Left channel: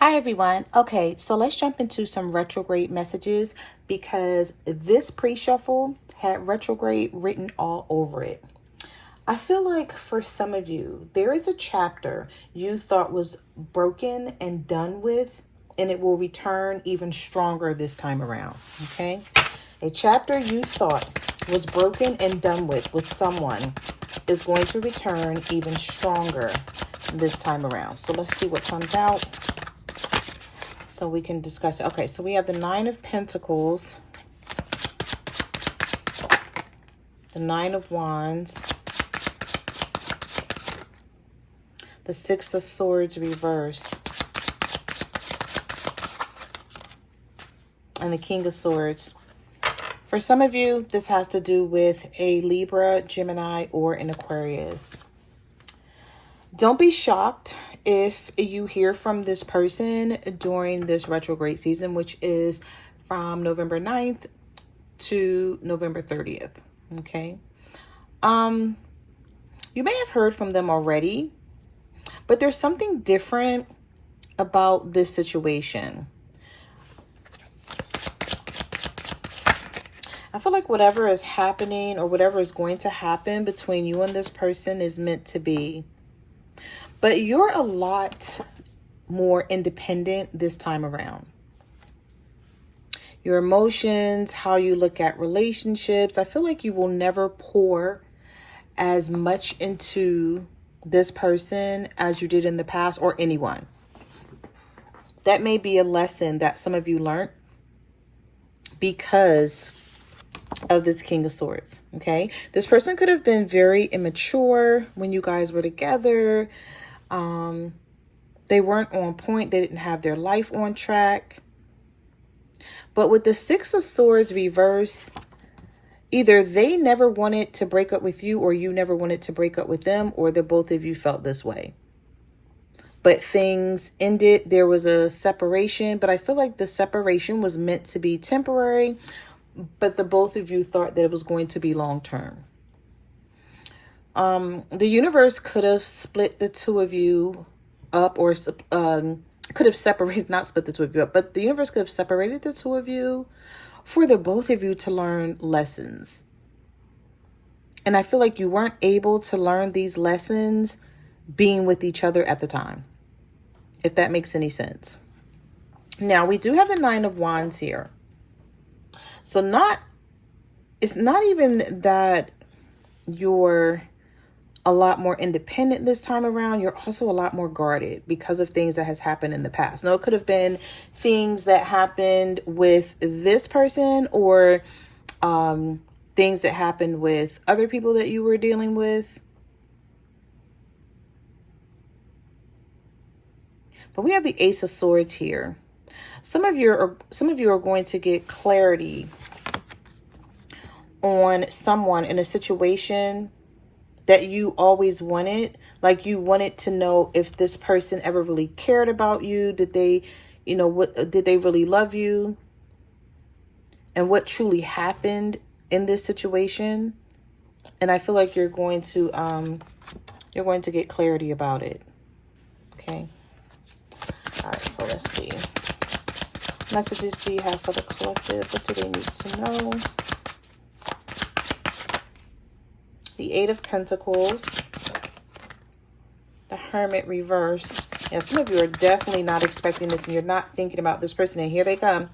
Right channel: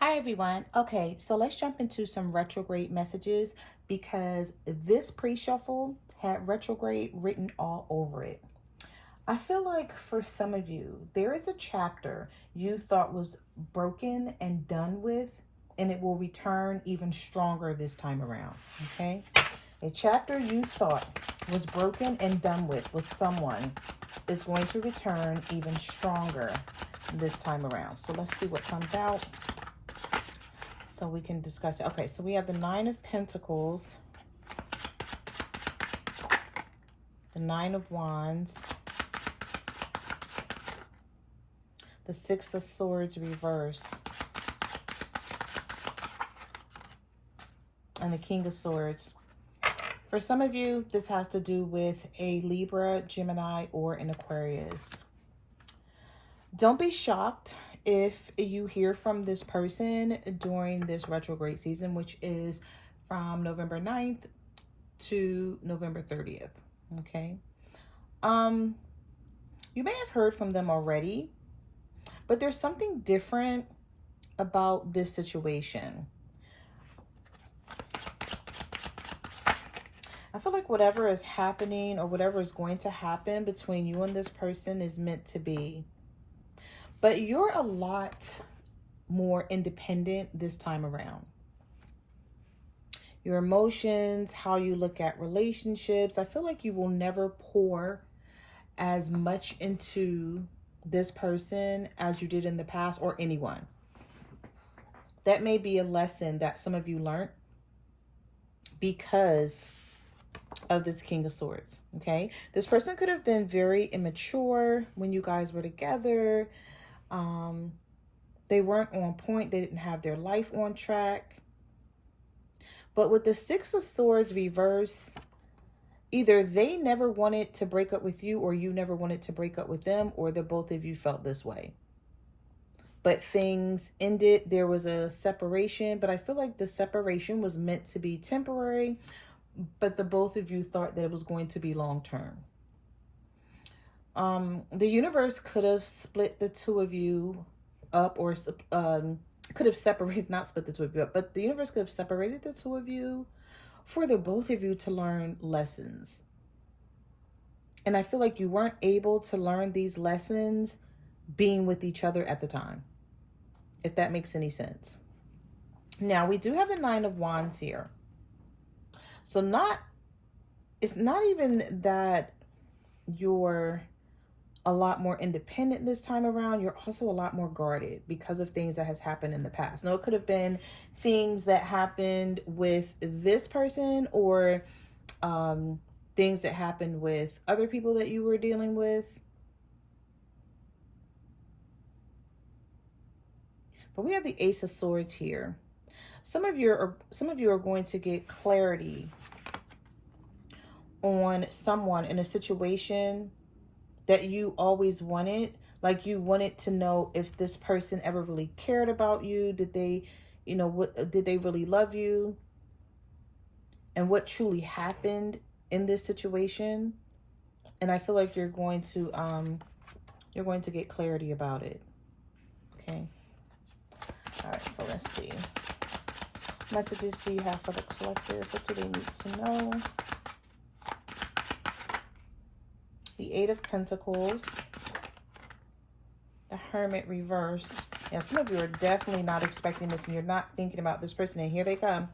Hi everyone. Okay, so let's jump into some retrograde messages because this pre-shuffle had retrograde written all over it. I feel like for some of you, there is a chapter you thought was broken and done with, and it will return even stronger this time around. Okay? A chapter you thought was broken and done with someone is going to return even stronger this time around. So let's see what comes out so we can discuss it. Okay, so we have the Nine of Pentacles, the Nine of Wands, the Six of Swords reverse, and the King of Swords. For some of you, this has to do with a Libra, Gemini, or an Aquarius. Don't be shocked if you hear from this person during this retrograde season, which is from November 9th to November 30th. Okay. You may have heard from them already, but there's something different about this situation. I feel like whatever is happening or whatever is going to happen between you and this person is meant to be. But you're a lot more independent this time around. Your emotions, how you look at relationships, I feel like you will never pour as much into this person as you did in the past, or anyone. That may be a lesson that some of you learned because of this King of Swords. Okay, this person could have been very immature when you guys were together. They weren't on point. They didn't have their life on track. But with the Six of Swords reverse, either they never wanted to break up with you, or you never wanted to break up with them, or the both of you felt this way. But things ended. There was a separation, but I feel like the separation was meant to be temporary, but the both of you thought that it was going to be long term. The universe could have split the two of you up, or could have separated, not split the two of you up, but the universe could have separated the two of you for the both of you to learn lessons. And I feel like you weren't able to learn these lessons being with each other at the time, if that makes any sense. Now, we do have the Nine of Wands here. So it's not even that you're a lot more independent this time around. You're also a lot more guarded because of things that has happened in the past. Now, it could have been things that happened with this person, or things that happened with other people that you were dealing with. But we have the Ace of Swords here. Some of you are going to get clarity on someone in a situation that you always wanted. Like, you wanted to know if this person ever really cared about you. Did they, did they really love you? And what truly happened in this situation? And I feel like you're going to get clarity about it. Okay. All right, so let's see. Messages do you have for the collective? What do they need to know? The Eight of Pentacles, the Hermit reversed. Yeah, some of you are definitely not expecting this, and you're not thinking about this person. And here they come.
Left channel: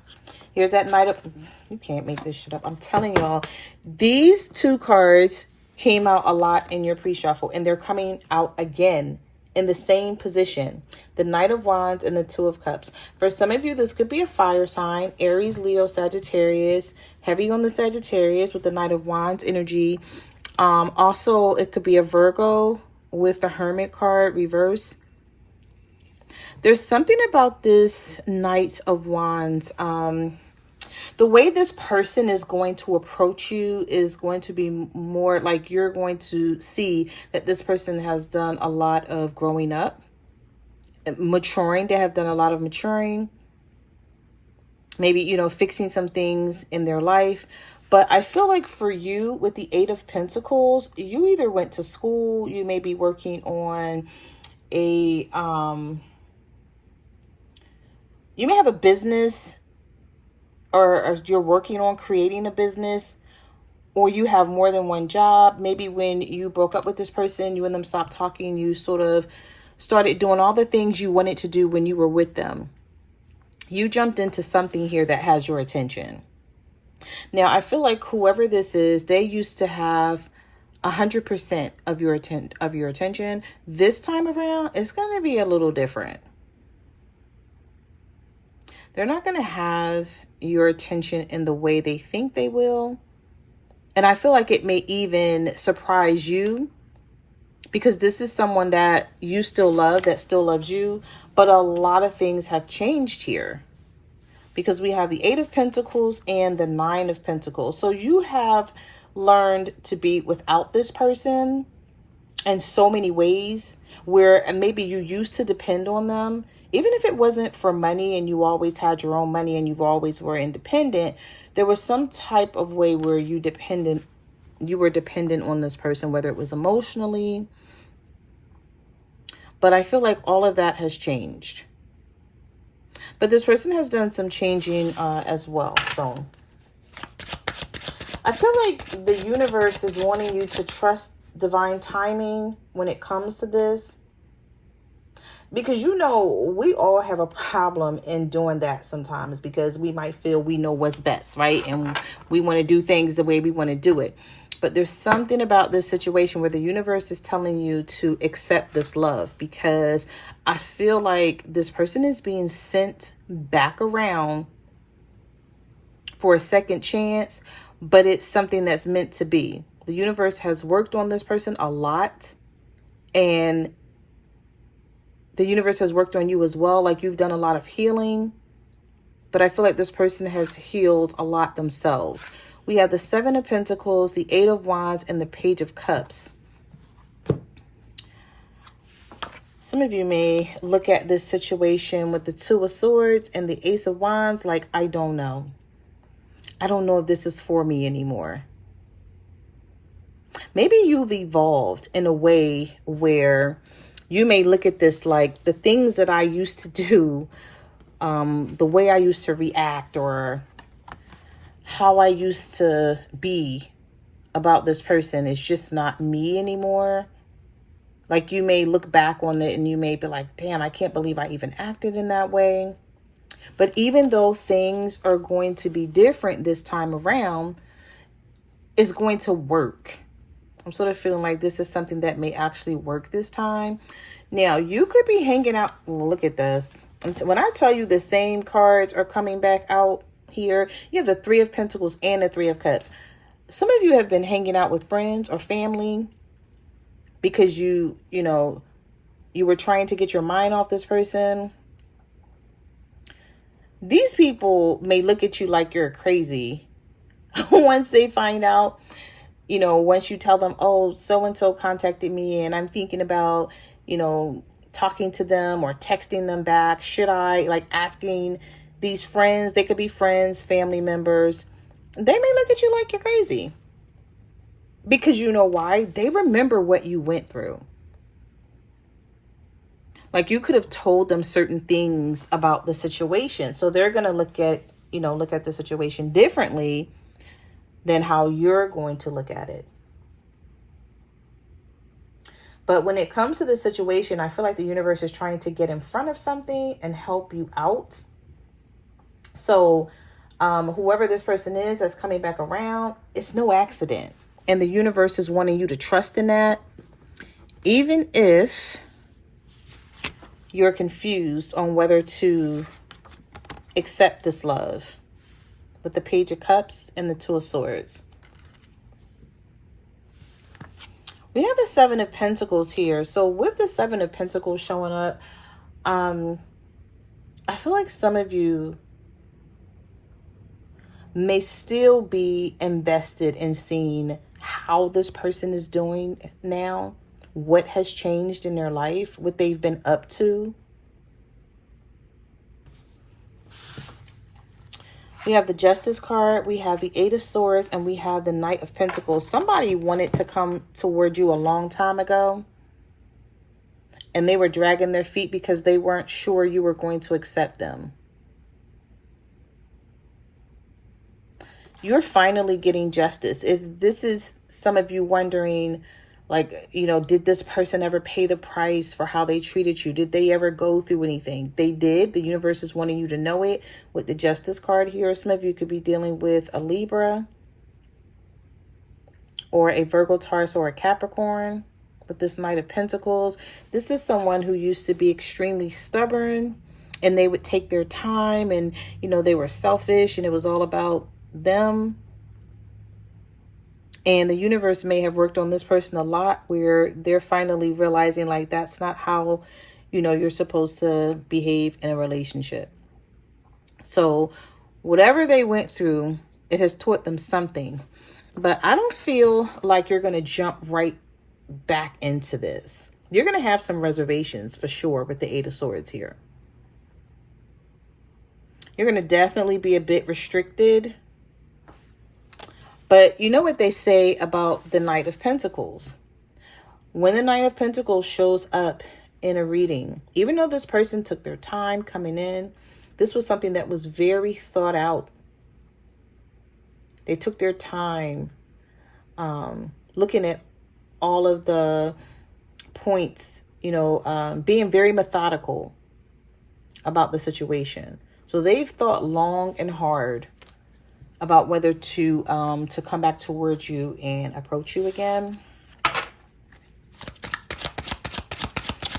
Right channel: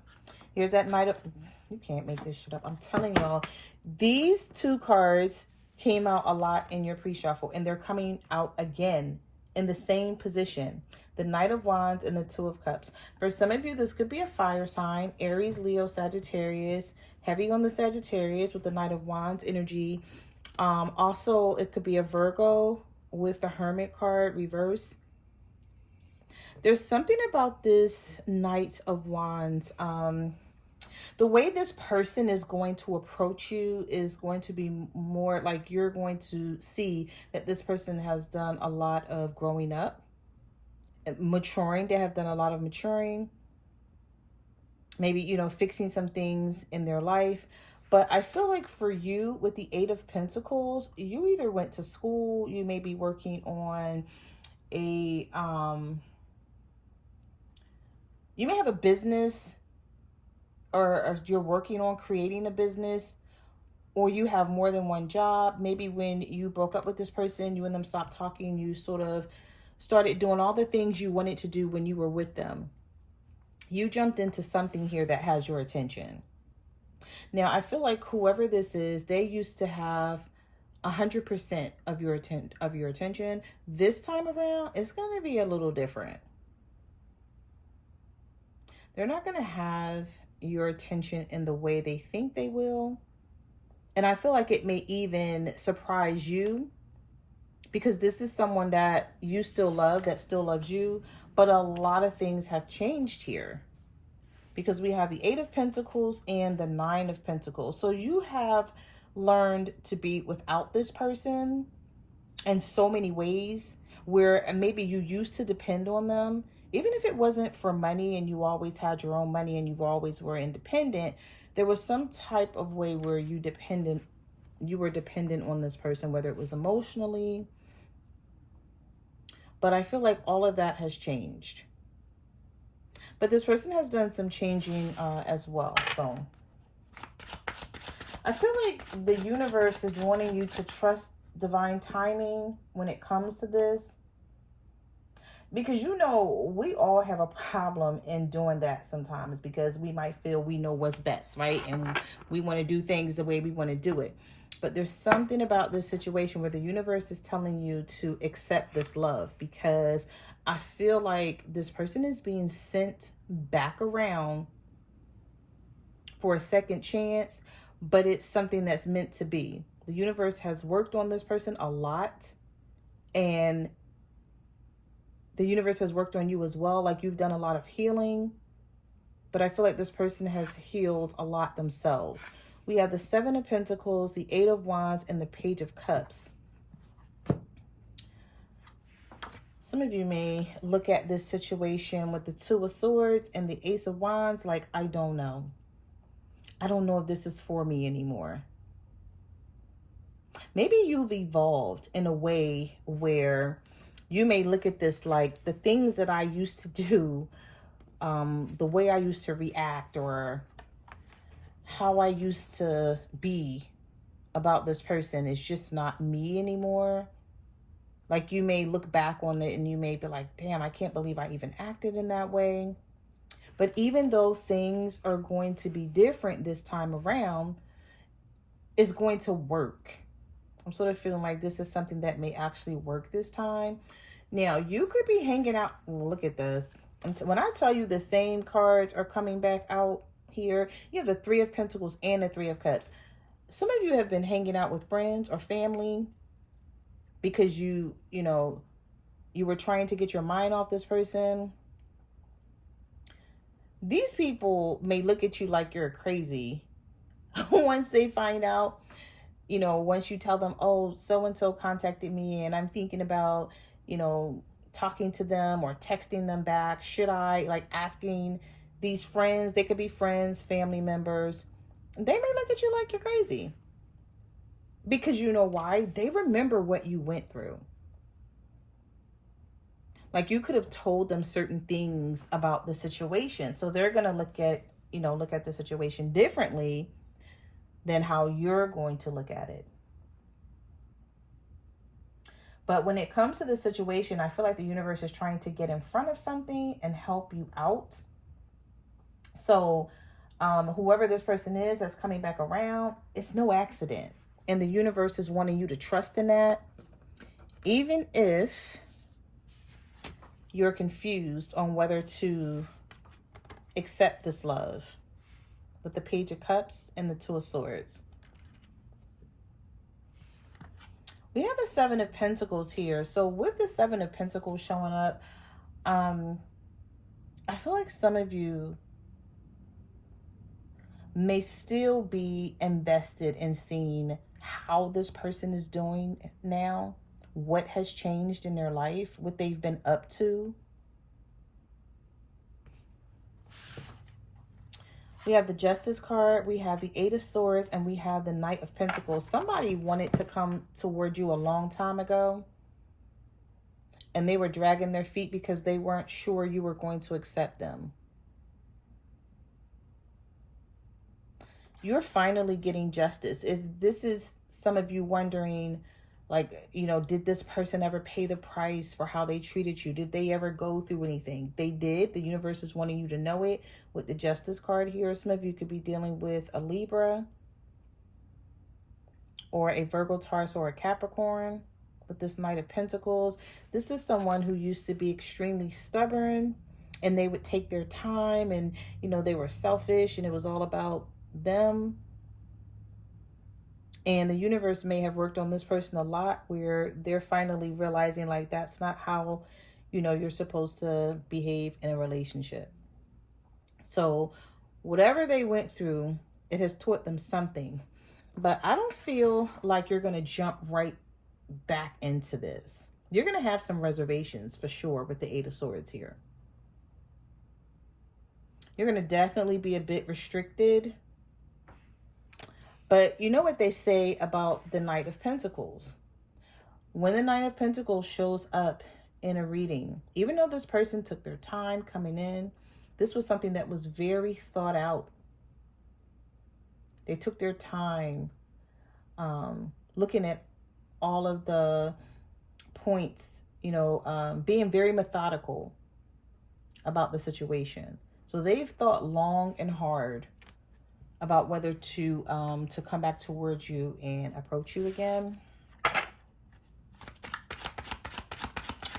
Here's that Knight of... You can't make this shit up. I'm telling y'all, these two cards came out a lot in your pre-shuffle, and they're coming out again in the same position. The Knight of Wands and the Two of Cups. For some of you, this could be a fire sign. Aries, Leo, Sagittarius. Heavy on the Sagittarius with the Knight of Wands energy. Also, it could be a Virgo with the Hermit card reverse. There's something about this Knight of Wands. The way this person is going to approach you is going to be more like you're going to see that this person has done a lot of growing up, maturing. They have done a lot of maturing. Maybe, fixing some things in their life. But I feel like for you, with the Eight of Pentacles, you either went to school, you may be working on a You may have a business, or you're working on creating a business, or you have more than one job. Maybe when you broke up with this person, you and them stopped talking, you sort of started doing all the things you wanted to do when you were with them. You jumped into something here that has your attention. Now, I feel like whoever this is, they used to have 100% of your attention. This time around, it's going to be a little different. They're not going to have your attention in the way they think they will. And I feel like it may even surprise you, because this is someone that you still love, that still loves you, but a lot of things have changed here, because we have the Eight of Pentacles and the Nine of Pentacles. So you have learned to be without this person in so many ways, where maybe you used to depend on them, even if it wasn't for money and you always had your own money and you always were independent. There was some type of way where you were dependent on this person, whether it was emotionally. But I feel like all of that has changed. But this person has done some changing as well. So I feel like the universe is wanting you to trust divine timing when it comes to this. Because, you know, we all have a problem in doing that sometimes, because we might feel we know what's best, right? And we want to do things the way we want to do it. But there's something about this situation where the universe is telling you to accept this love, because I feel like this person is being sent back around for a second chance, but it's something that's meant to be. The universe has worked on this person a lot, and the universe has worked on you as well. Like, you've done a lot of healing, but I feel like this person has healed a lot themselves. We have the Seven of Pentacles, the Eight of Wands, and the Page of Cups. Some of you may look at this situation with the Two of Swords and the Ace of Wands like, I don't know. I don't know if this is for me anymore. Maybe you've evolved in a way where you may look at this like, the things that I used to do, the way I used to react, or how I used to be about this person is just not me anymore. Like, you may look back on it and you may be like, damn, I can't believe I even acted in that way. But even though things are going to be different this time around, it's going to work. I'm sort of feeling like this is something that may actually work this time. Now, you could be hanging out. Look at this. When I tell you the same cards are coming back out here, you have the Three of Pentacles and the Three of Cups. Some of you have been hanging out with friends or family because you were trying to get your mind off this person. These people may look at you like you're crazy once they find out. Once you tell them, oh, so-and-so contacted me and I'm thinking about, talking to them or texting them back. Should I? Like, asking these friends, they could be friends, family members. They may look at you like you're crazy. Because you know why? They remember what you went through. Like, you could have told them certain things about the situation. So they're going to look at the situation differently than how you're going to look at it. But when it comes to the situation, I feel like the universe is trying to get in front of something and help you out. So whoever this person is that's coming back around, it's no accident. And the universe is wanting you to trust in that. Even if you're confused on whether to accept this love. With the Page of Cups and the Two of Swords. We have the Seven of Pentacles here. So with the Seven of Pentacles showing up, I feel like some of you may still be invested in seeing how this person is doing now, what has changed in their life, what they've been up to. We have the Justice card, we have the Eight of Swords, and we have the Knight of Pentacles. Somebody wanted to come toward you a long time ago, and they were dragging their feet because they weren't sure you were going to accept them. you're finally getting justice. If this is some of you wondering, like, you know, did this person ever pay the price for how they treated you? Did they ever go through anything? They did. The universe is wanting you to know it with the Justice card here. Some of you could be dealing with a Libra or a Virgo, Taurus, or a Capricorn with this Knight of Pentacles. This is someone who used to be extremely stubborn, and they would take their time, and, you know, they were selfish and it was all about them. And the universe may have worked on this person a lot, where they're finally realizing, like, that's not how, you know, you're supposed to behave in a relationship. So whatever they went through, it has taught them something. But I don't feel like you're going to jump right back into this. You're going to have some reservations for sure with the Eight of Swords here. You're going to definitely be a bit restricted. But you know what they say about the Knight of Pentacles? When the Knight of Pentacles shows up in a reading, even though this person took their time coming in, this was something that was very thought out. They took their time looking at all of the points, you know, being very methodical about the situation. So they've thought long and hard about whether to come back towards you and approach you again.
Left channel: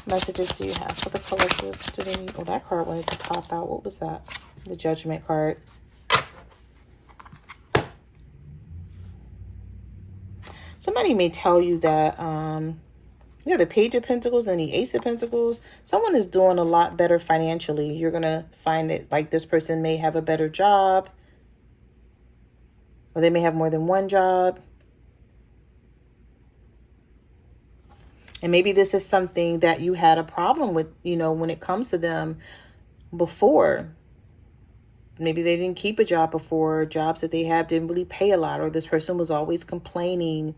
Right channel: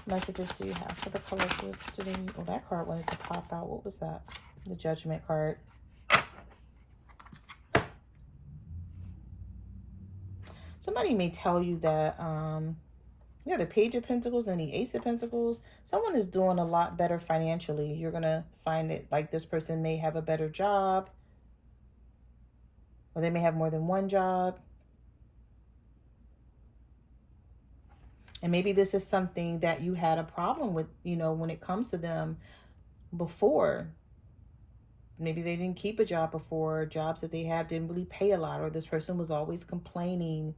Messages do you have for the collective? Do they need, oh, that card wanted to pop out. What was that? The Judgment card. Somebody may tell you that yeah, the Page of Pentacles and the Ace of Pentacles, someone is doing a lot better financially. You're going to find that, like, this person may have a better job, or they may have more than one job. And maybe this is something that you had a problem with, you know, when it comes to them before. Maybe they didn't keep a job before. Jobs that they have didn't really pay a lot, or this person was always complaining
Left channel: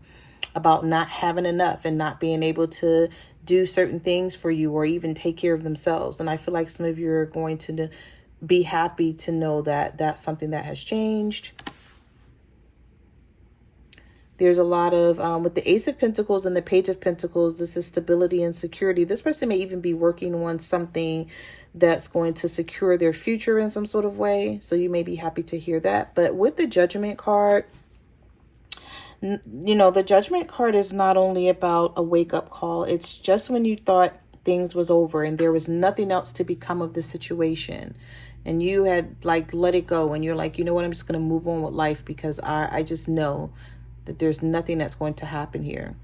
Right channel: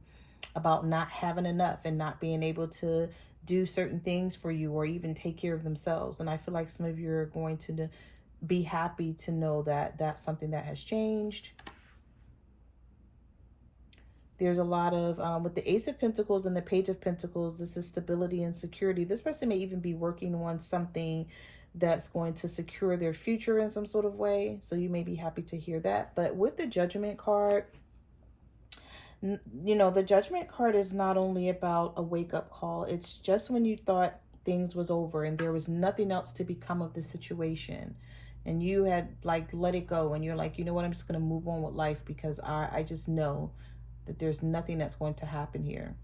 about not having enough and not being able to do certain things for you or even take care of themselves. And I feel like some of you are going to be happy to know that that's something that has changed. There's a lot of, with the Ace of Pentacles and the Page of Pentacles, this is stability and security. This person may even be working on something that's going to secure their future in some sort of way. So you may be happy to hear that. But with the Judgment card, you know, the Judgment card is not only about a wake-up call. It's just when you thought things was over and there was nothing else to become of the situation, and you had, like, let it go, and you're like, you know what, I'm just going to move on with life because I just know that there's nothing that's going to happen here.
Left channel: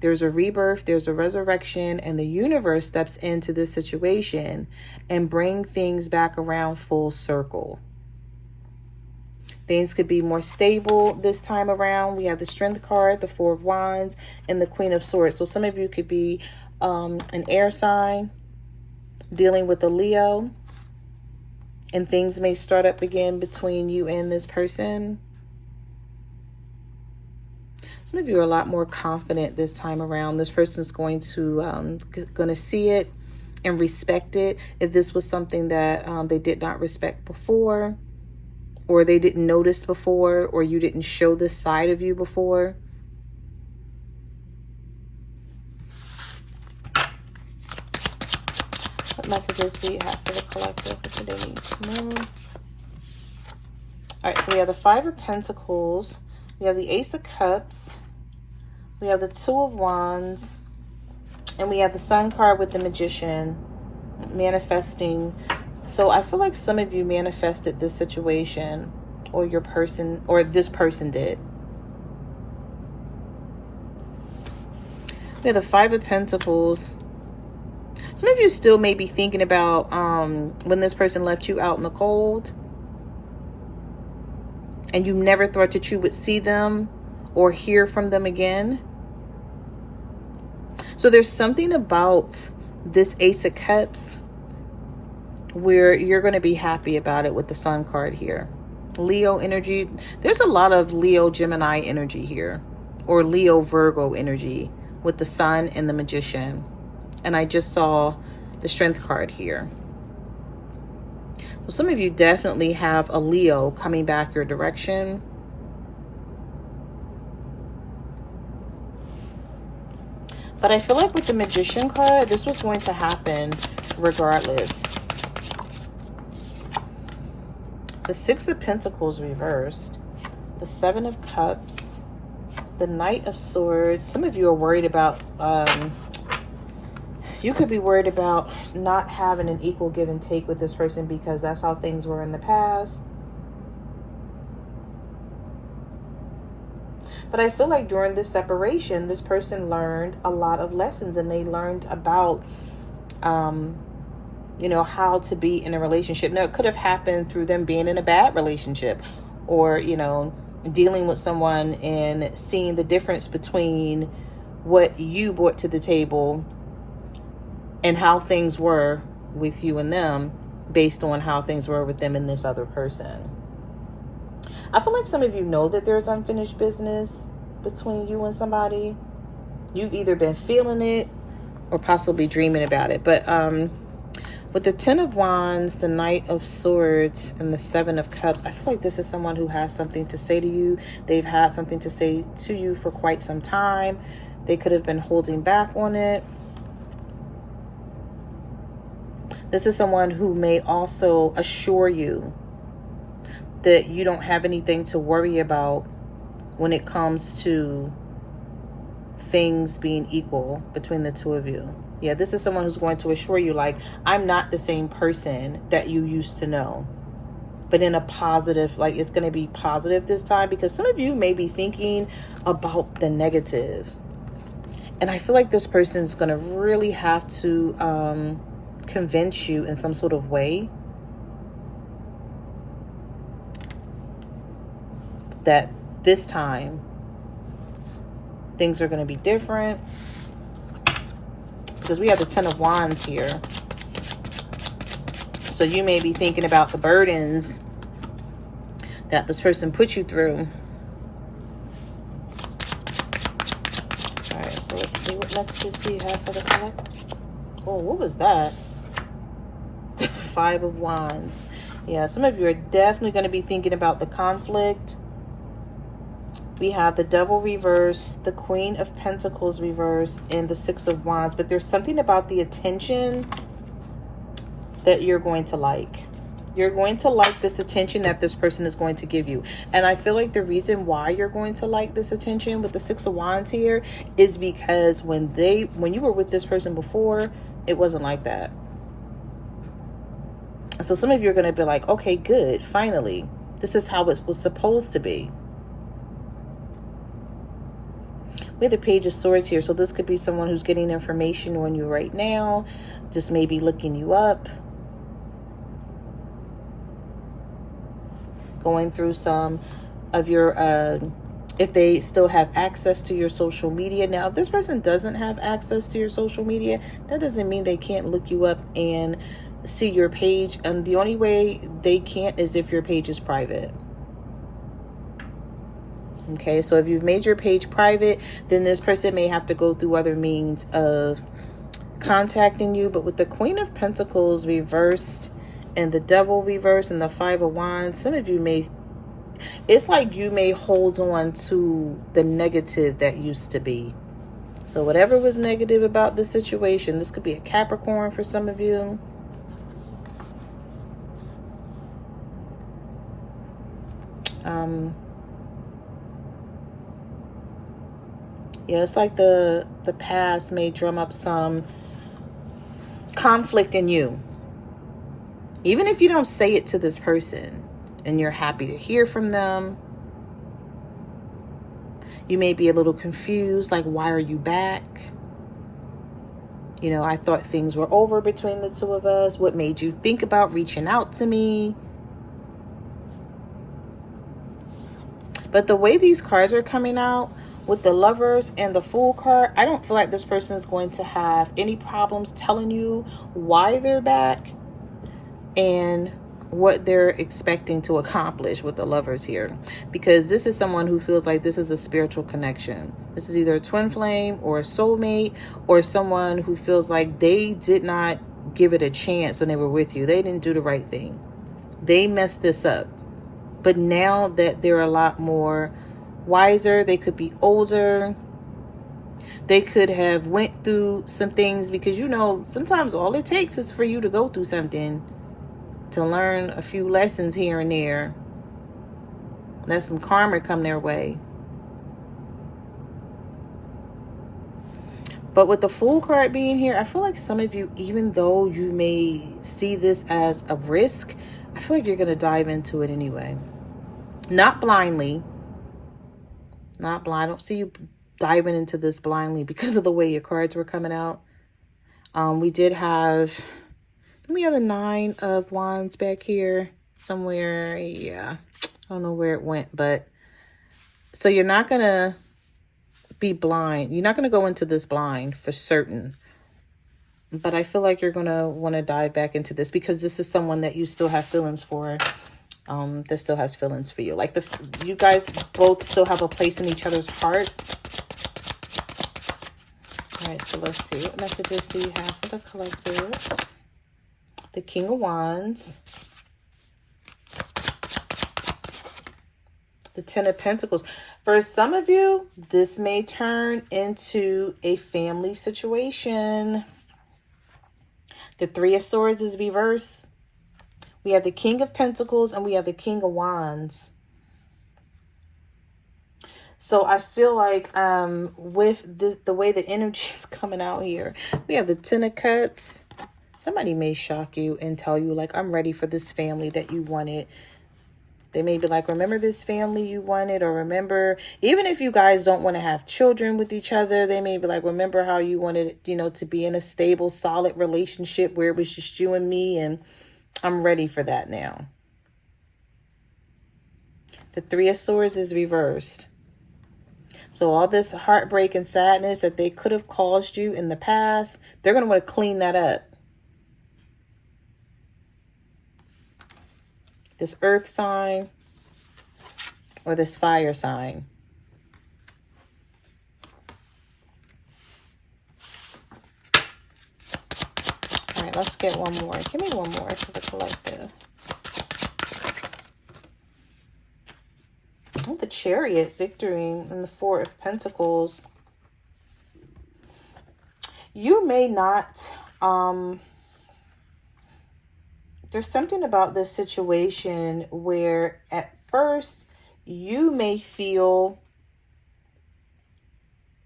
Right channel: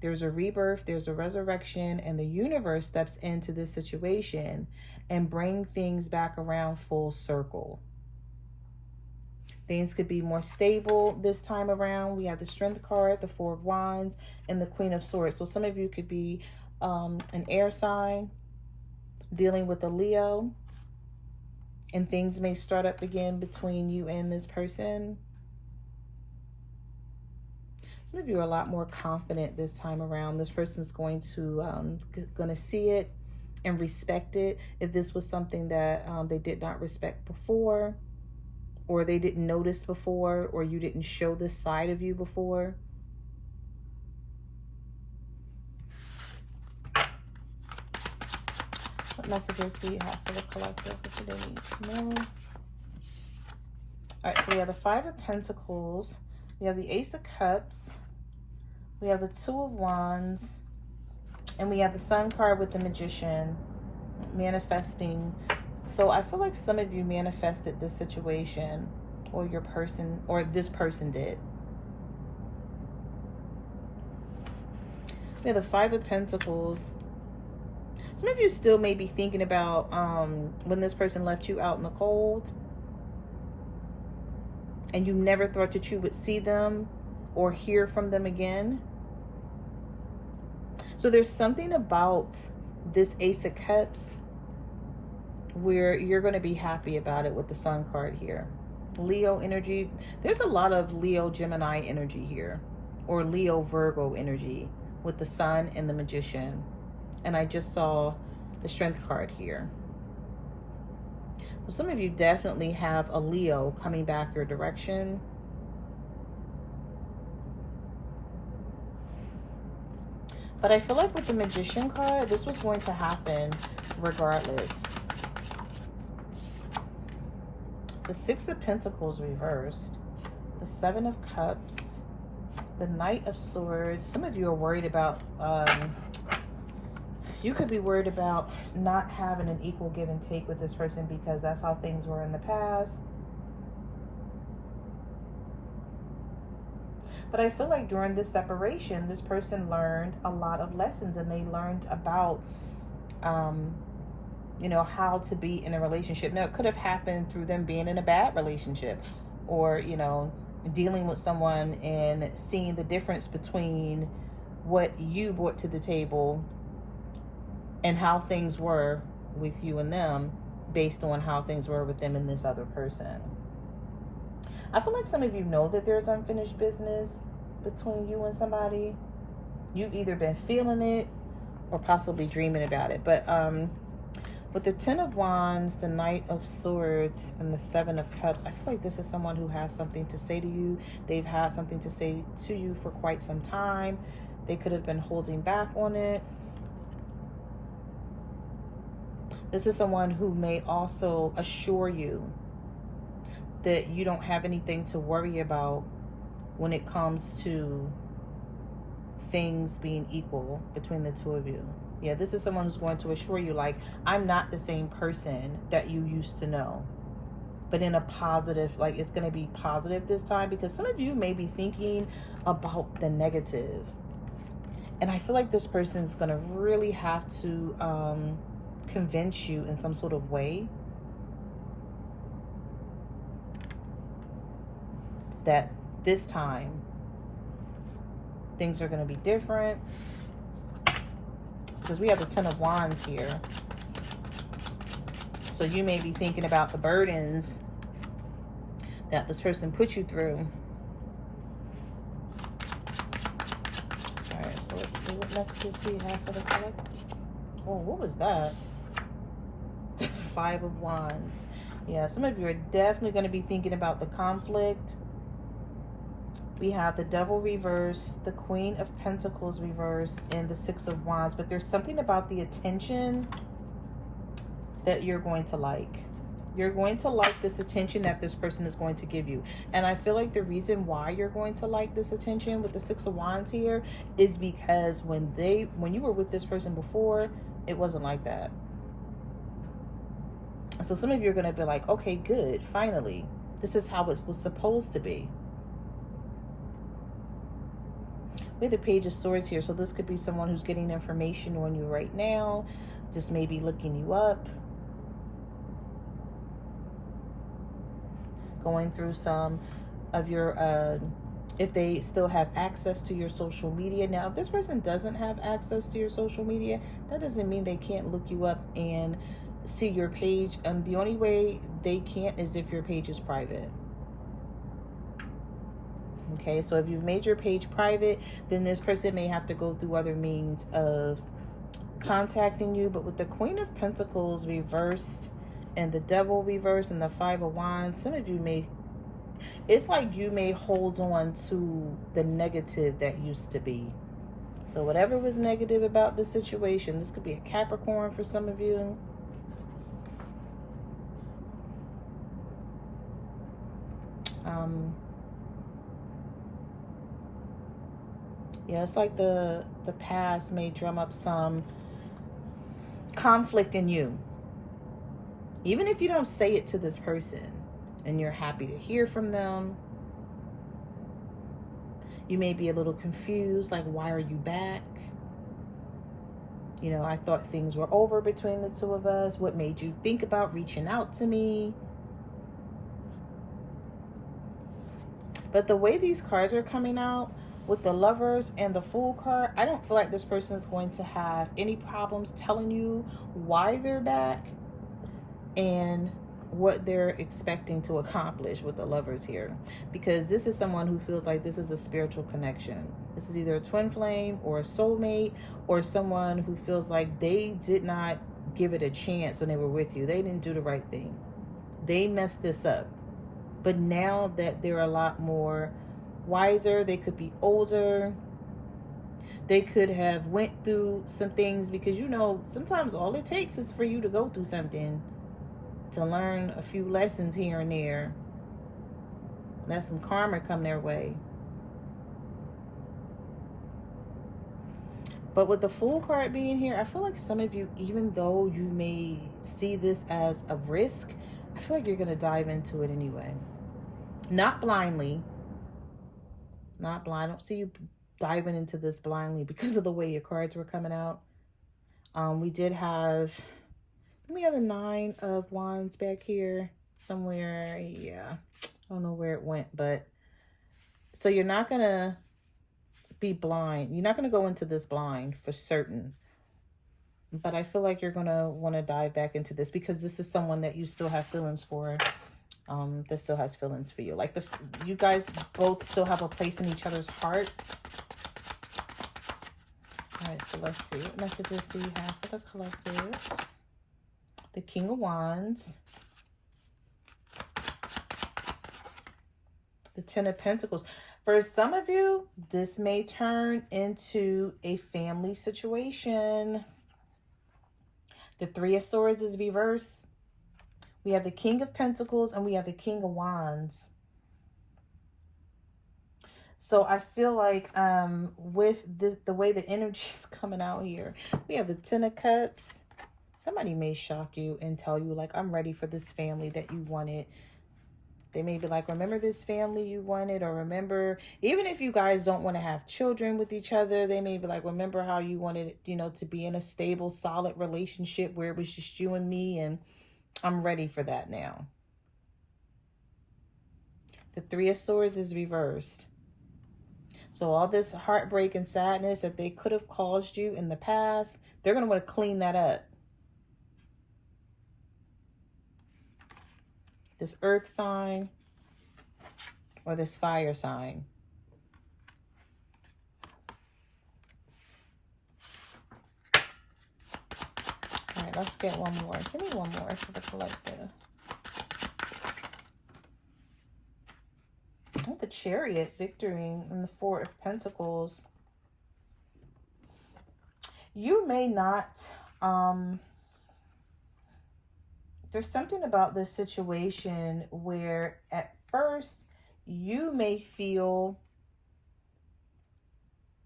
There's a rebirth, there's a resurrection, and the universe steps into this situation and bring things back around full circle. Things could be more stable this time around. We have the Strength card, the Four of Wands, and the Queen of Swords. So some of you could be an air sign dealing with a Leo, and things may start up again between you and this person. Some of you are a lot more confident this time around. This person's going to see it and respect it. If this was something that they did not respect before, or they didn't notice before, or you didn't show this side of you before. What messages do you have for the collective for today? All right, so we have the Five of Pentacles. We have the Ace of Cups. We have the Two of Wands. And we have the Sun card with the Magician, manifesting. So I feel like some of you manifested this situation, or your person, or this person did. We have the Five of Pentacles. Some of you still may be thinking about when this person left you out in the cold, and you never thought that you would see them or hear from them again. So there's something about this Ace of Cups where you're going to be happy about it with the Sun card here. Leo energy. There's a lot of Leo Gemini energy here, or Leo Virgo energy with the Sun and the Magician. And I just saw the Strength card here. So some of you definitely have a Leo coming back your direction. But I feel like with the Magician card, this was going to happen regardless. The Six of Pentacles reversed. The Seven of Cups. The Knight of Swords. Some of you are worried about, you could be worried about not having an equal give and take with this person because that's how things were in the past. But I feel like during this separation, this person learned a lot of lessons, and they learned about, you know, how to be in a relationship. Now, it could have happened through them being in a bad relationship, or, you know, dealing with someone and seeing the difference between what you brought to the table and how things were with you and them based on how things were with them and this other person. I feel like some of you know that there's unfinished business between you and somebody. You've either been feeling it or possibly dreaming about it. But with the Ten of Wands, the Knight of Swords, and the Seven of Cups, I feel like this is someone who has something to say to you. They've had something to say to you for quite some time. They could have been holding back on it. This is someone who may also assure you that you don't have anything to worry about when it comes to things being equal between the two of you. Yeah, this is someone who's going to assure you, like, I'm not the same person that you used to know. But in a positive, like, it's going to be positive this time, because some of you may be thinking about the negative. And I feel like this person's going to really have to convince you in some sort of way that this time things are going to be different, because we have the Ten of Wands here. So you may be thinking about the burdens that this person put you through. All right, so let's see what messages do you have for the pack. Oh, what was that? The Five of Wands. Yeah, some of you are definitely going to be thinking about the conflict. We have the Devil reverse, the Queen of Pentacles reverse, and the Six of Wands. But there's something about the attention that you're going to like. You're going to like this attention that this person is going to give you. And I feel like the reason why you're going to like this attention with the Six of Wands here is because when you were with this person before, it wasn't like that. So some of you are going to be like, okay, good, finally. This is how it was supposed to be. We have the Page of Swords here. So this could be someone who's getting information on you right now, just maybe looking you up, going through some of your, if they still have access to your social media. Now, if this person doesn't have access to your social media, that doesn't mean they can't look you up and see your page. And the only way they can't is if your page is private. Okay, so if you've made your page private, then this person may have to go through other means of contacting you. But with the Queen of Pentacles reversed and the Devil reversed and the Five of Wands, some of you may, it's like you may hold on to the negative that used to be. So whatever was negative about the situation, this could be a Capricorn for some of you. Yeah, it's like the past may drum up some conflict in you. Even if you don't say it to this person and you're happy to hear from them, you may be a little confused, like, why are you back? You know, I thought things were over between the two of us. What made you think about reaching out to me? But the way these cards are coming out, with the Lovers and the Fool card, I don't feel like this person is going to have any problems telling you why they're back and what they're expecting to accomplish with the Lovers here. Because this is someone who feels like this is a spiritual connection. This is either a twin flame or a soulmate, or someone who feels like they did not give it a chance when they were with you. They didn't do the right thing. They messed this up. But now that they're a lot more wiser, they could be older, They could have went through some things, because you know sometimes all it takes is for you to go through something to learn a few lessons here and there. Let some karma come their way. But with the Fool card being here, I feel like some of you, even though you may see this as a risk, I feel like you're going to dive into it anyway. Not blindly. Not blind. I don't see you diving into this blindly because of the way your cards were coming out. We did have, we have the 9 of Wands back here somewhere. Yeah, I don't know where it went, but so you're not going to be blind. You're not going to go into this blind for certain. But I feel like you're going to want to dive back into this because this is someone that you still have feelings for. That still has feelings for you. Like you guys both still have a place in each other's heart. All right, so let's see. What messages do you have for the collective? The King of Wands. The 10 of Pentacles. For some of you, this may turn into a family situation. The 3 of Swords is reversed. We have the King of Pentacles and we have the King of Wands. So I feel like with the way the energy is coming out here, we have the 10 of Cups. Somebody may shock you and tell you, like, I'm ready for this family that you wanted. They may be like, remember this family you wanted, or remember, even if you guys don't want to have children with each other, they may be like, remember how you wanted, you know, to be in a stable, solid relationship where it was just you and me, and I'm ready for that now. The 3 of Swords is reversed. So all this heartbreak and sadness that they could have caused you in the past, they're going to want to clean that up. This earth sign or this fire sign. All right, let's get one more. Give me one more for the collective. Oh, the Chariot, victory, and the 4 of Pentacles. You may not, there's something about this situation where at first you may feel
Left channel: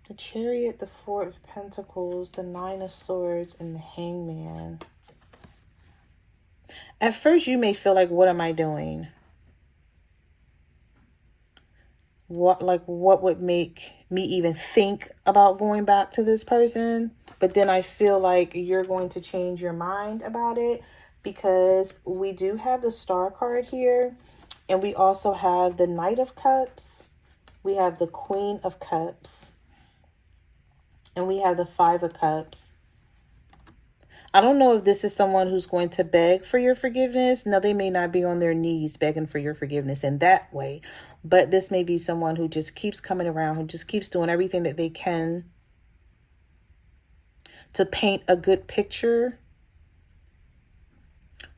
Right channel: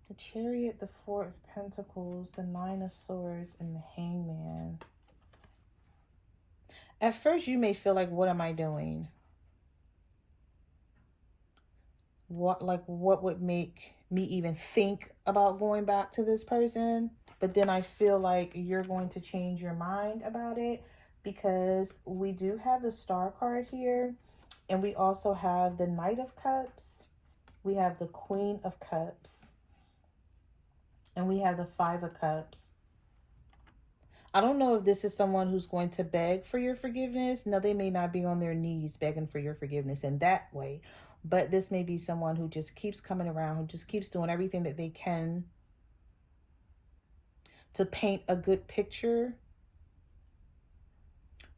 the Chariot, the 4 of Pentacles, the 9 of Swords, and the Hangman. At first you may feel like, what am I doing? What would make me even think about going back to this person? But then I feel like you're going to change your mind about it, because we do have the Star card here, and we also have the Knight of Cups. We have the Queen of Cups, and we have the 5 of Cups. I don't know if this is someone who's going to beg for your forgiveness. No, they may not be on their knees begging for your forgiveness in that way. But this may be someone who just keeps coming around, who just keeps doing everything that they can to paint a good picture.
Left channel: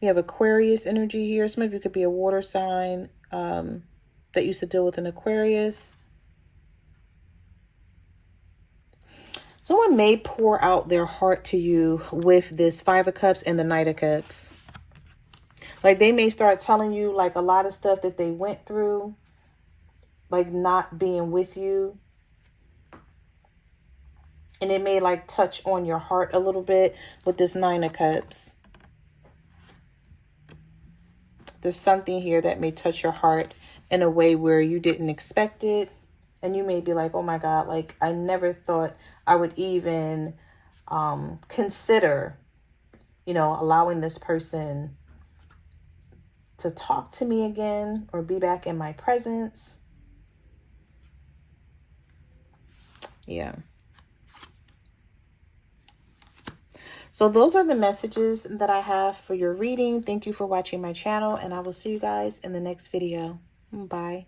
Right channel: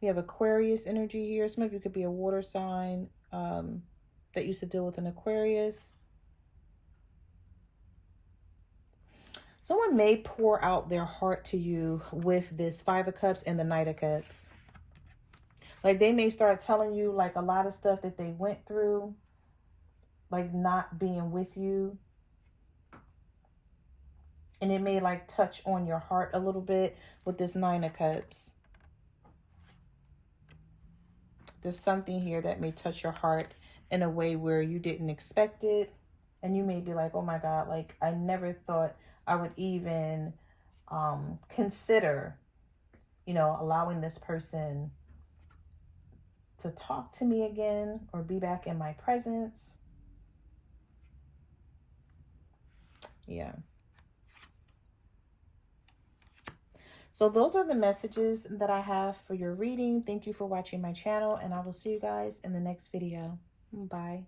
We have Aquarius energy here. Some of you could be a water sign that used to deal with an Aquarius. Someone may pour out their heart to you with this 5 of Cups and the Knight of Cups. Like they may start telling you like a lot of stuff that they went through, like not being with you. And it may like touch on your heart a little bit with this 9 of Cups. There's something here that may touch your heart in a way where you didn't expect it. And you may be like, oh my God, like I never thought I would even consider, you know, allowing this person to talk to me again or be back in my presence. Yeah. So those are the messages that I have for your reading. Thank you for watching my channel, and I will see you guys in the next video. Bye.